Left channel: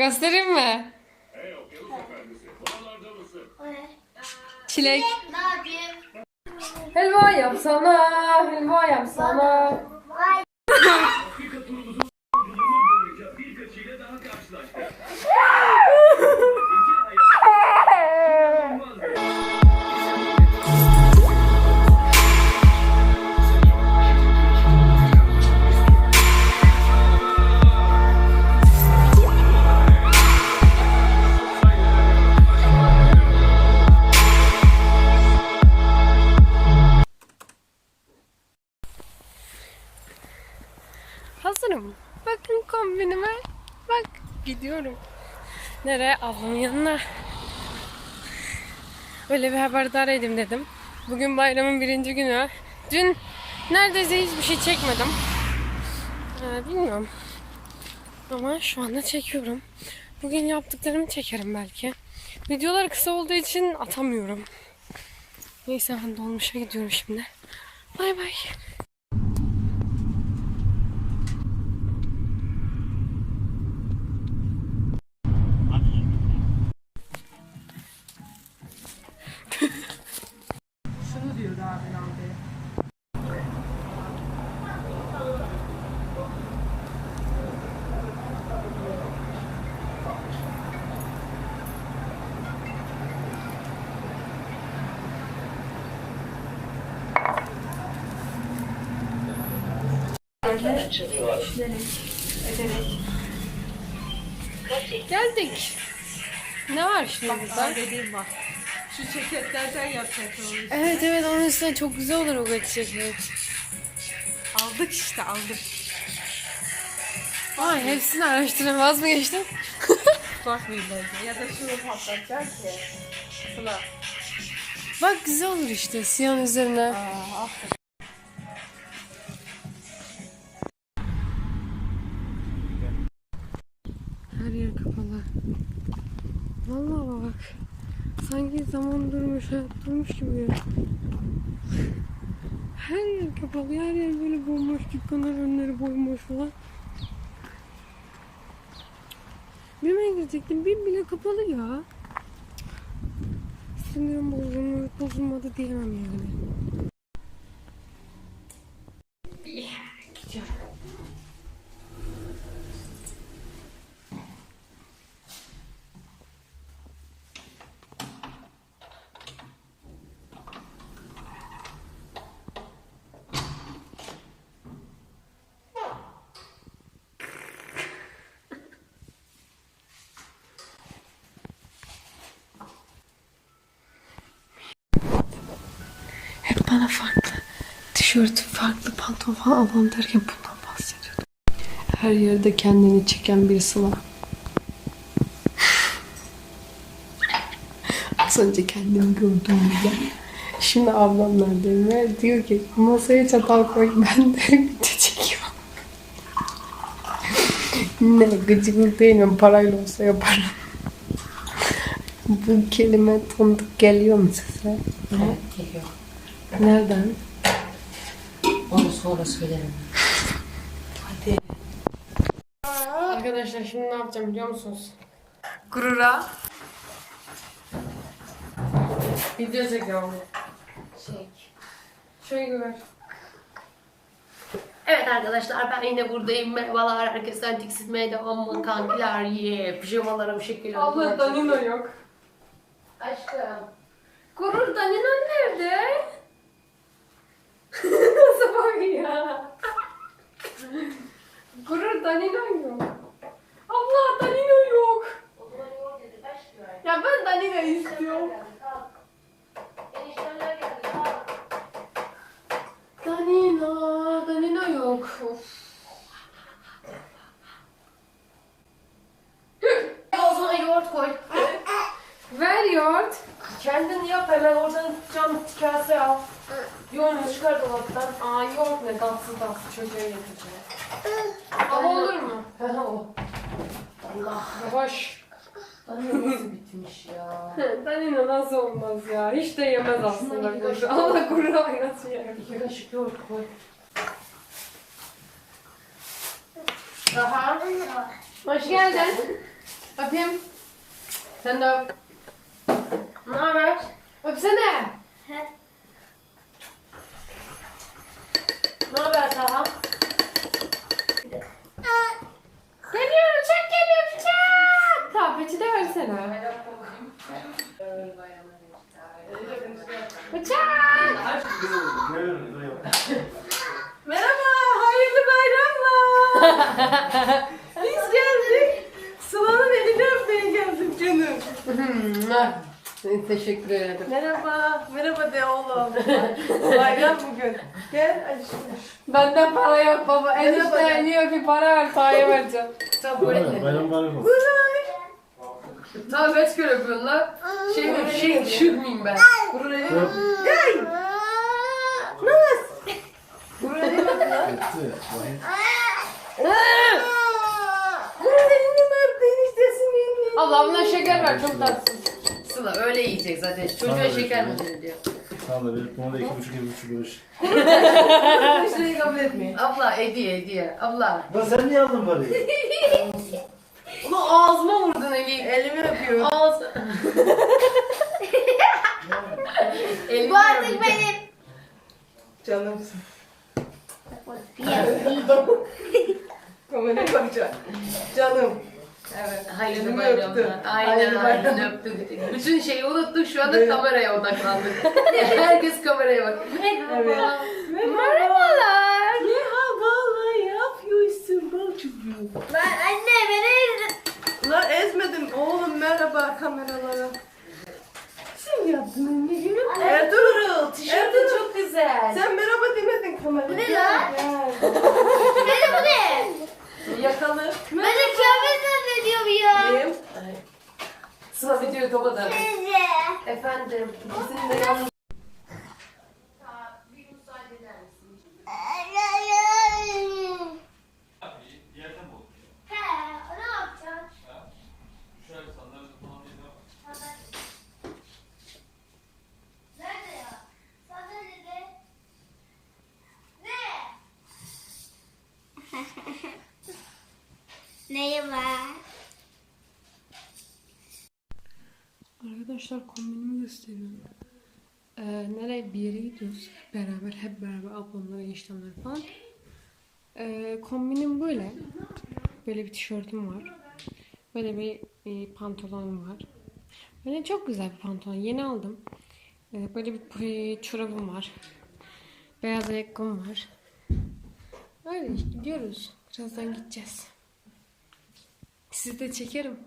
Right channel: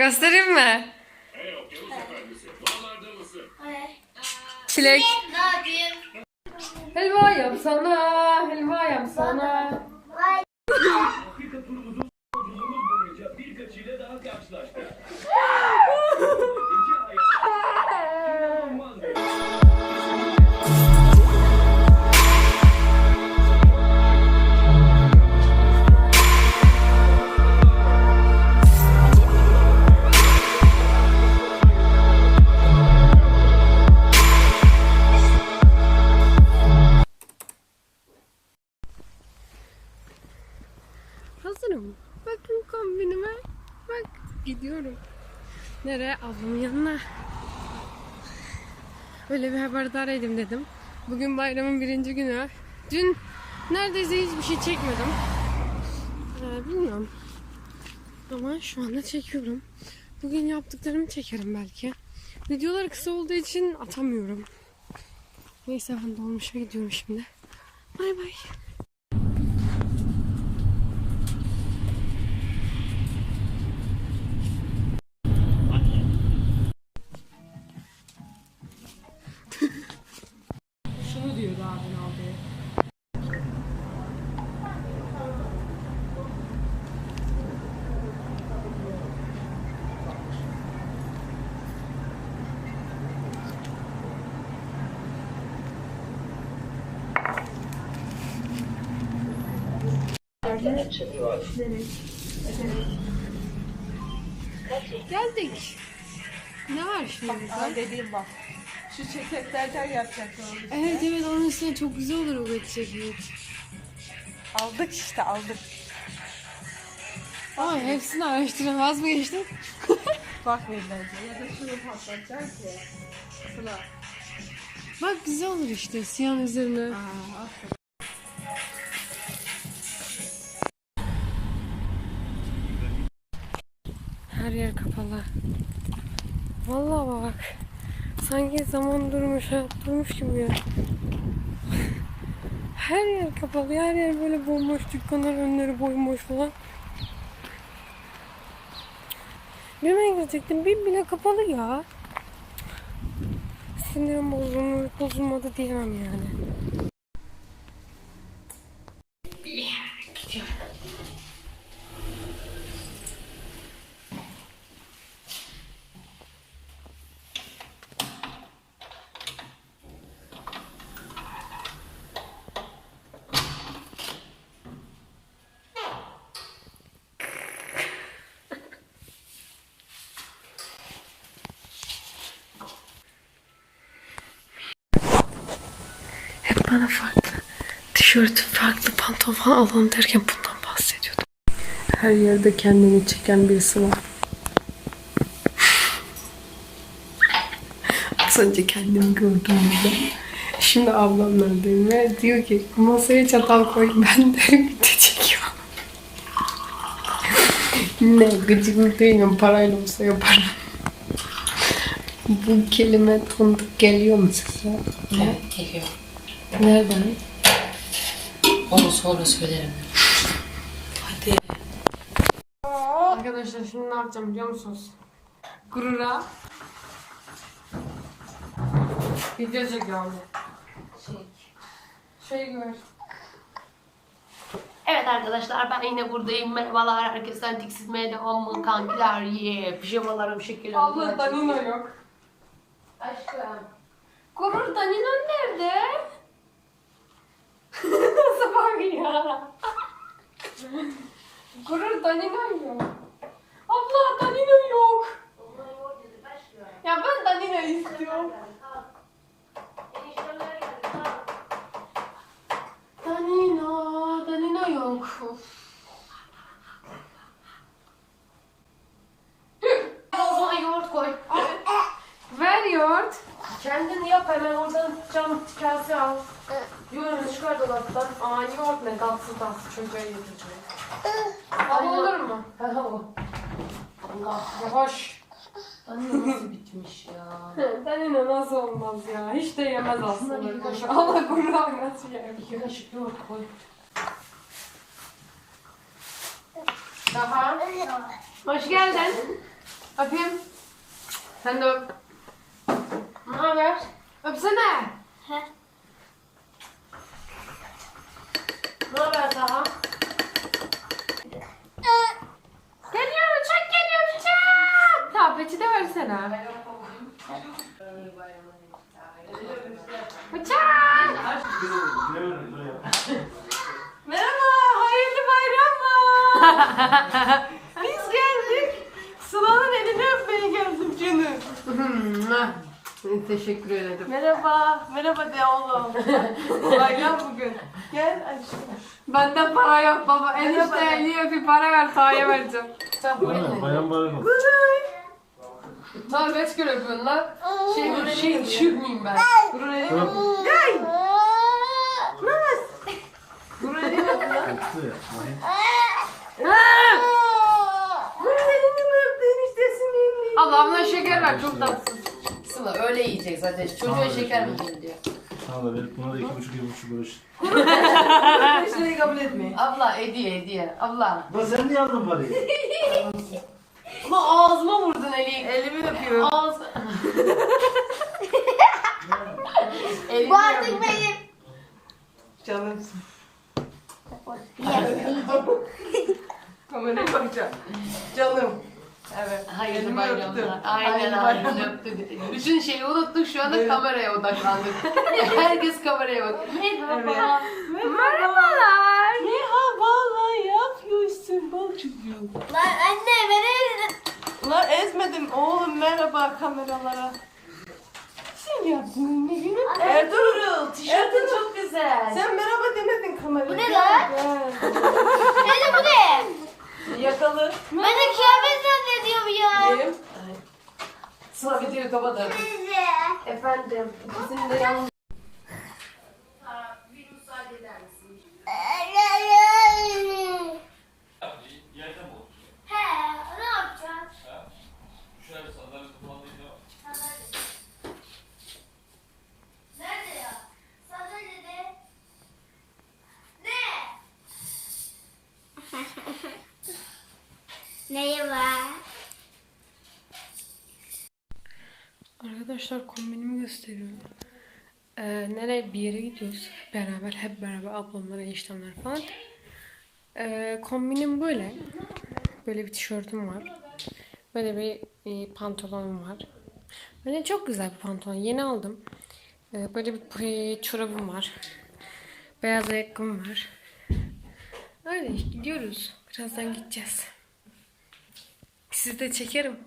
Göstereyim mi? Çilek. Ne yapayım? Helva yapsana, helva yapsana. Gidiyorum. Nereye? Ablamın yanına. Öyle bir haberdar edeyim dedim. Bugün bayramın birinci günü. Dün neredeyse hiçbir şey çekmedim. Ee, bilmiyorum. Ama şu anda çekiyorum. Bugün yaptıklarımı çekerim belki. Videolar kısa olduğu için atamıyorum. Neyse ben dolmuşa gidiyorum şimdi. Bay bay. Geldik. Ne var şimdi burada? Dediğim bak. Şu ceketlerden yapacaktım onu. Evet evet onun üstüne çok güzel olur o ceket. Aldık işte aldık. Ay hepsini araştıramaz mı geçtim? Bakmayacağız ya. Ya da şunu patlatacağız ya. Şuna. Bak güzel olur işte siyahın üzerine. Aa, aferin. Vallahi bak. Sanki zaman durmuş, hayat durmuş gibi ya. Her yer kapalı, her yer böyle bomboş, dükkanlar önleri bomboş falan. Birime girecektim, bir bile kapalı ya. Sinirim bozulmuş, bozulmadı diyemem yani. Bana farklı tişört, farklı pantolon alın derken bundan bahsediyordum. Her yerde kendini çeken birisi var. Az önce kendimi gördüğümde şimdi ablamlardayım ve diyor ki masaya çatal koy ben de video çekiyorum. ne gıcıklık değil mi? Parayla olsa yaparım. Bu kelime tanıdık geliyor mu size? Evet, geliyor. Nereden? Onu sonra söylerim. Hadi. Arkadaşlar şimdi ne yapacağım biliyor musunuz? Gurura. Video çekiyorum. Şey. Şey gör. Evet arkadaşlar ben yine buradayım. Merhabalar herkesten tiksinmeye devam mı kankiler? Yeah. Pijamalarım şekil oldu. Abla Danilo yok. Aşkım. Gurur Danilo nerede? Nasıl bak ya? Gurur Danilo yok. Abla Danilo yok. Ya ben Danilo istiyorum. Danilo, Danilo yok. Zaman yoğurt koy. Ver yoğurt. Kendin yap hemen oradan cam kase al. Yoğurunu çıkar dolaptan. Aa yoğurt ne tatsız tatsız çocuğa yetecek. Baba olur mu? Allah. Yavaş. Nasıl bitmiş ya? Danilo nasıl olmaz ya? Hiç de yemez Aslında bir kaşık Allah gurur nasıl yer? İki kaşık yoğurt koy. Aha. Hoş geldin. Öpeyim. Sen de öp. Ne haber? Öpsene. Ne haber Taha? Geliyor uçak geliyor uçak. Tableti de versene. Uçak. Merhaba, hayırlı bayramlar. Biz geldik. Sıla'nın elini öpmeye geldim canım. Teşekkür ederim. Merhaba, merhaba de oğlum. Bayram bugün. Gel aşkım. Bende para yok baba. Enişte niye bir para ver sahaya vereceğim. Bu elini. Bayram mübarek olsun. Tamam kaç kere öpüyorsun lan? Şey mi? Şey düşürmeyeyim ben. Buraya. Öp. Gel. Naz. Buraya değil mi lan? Öptü. Vahim. Naz elinden öp eniştesinin. Allah abla şeker ver çok tatsız. Sıla öyle yiyecek zaten. Çocuğa Tamam, şeker öyle. mi diyor. Sana da verip buna da iki buçuk iki buçuk kuruş. Enişteyi kabul etmeyin. Abla hediye hediye. Abla. Lan sen niye aldın parayı? Ulan ağzıma vurdun eli. Elimi öpüyor. Ağız. Elini Bu artık benim. Canımsın. Kameraya bakacağım. Canım. Evet. Hayırlı Elimi bayramlar. öptü. Aynen Hayırlı aynen öptü. Bütün şeyi unuttuk şu anda Böyle. kameraya odaklandık. Herkes kameraya bak. Merhaba. Evet. Merhabalar. Merhabalar. Ne yapıyorsun bal çocuğum? Lan anne beni Ulan ezmedim oğlum merhaba kameralara. Sen yaptın ne gülüm? Ertuğrul. Tişörtün çok güzel. Sen merhaba demedin kameraya. Bu ne lan? Dede bu ne? Yakalı. Ben de kıyafet zannediyorum ya. Benim. Sıla videoyu kapatalım. Efendim. Bizim de yalnız? Neye var? Arkadaşlar kombinimi gösteriyorum. Ee, nereye bir yere gidiyoruz. Beraber hep beraber ablamlar, eniştemler falan. Ee, kombinim böyle. Böyle bir tişörtüm var. Böyle bir e, pantolonum var. Böyle çok güzel bir pantolon. Yeni aldım. Ee, böyle bir çorabım var. Beyaz ayakkabım var. Öyle gidiyoruz. Birazdan gideceğiz. Sizi de çekerim.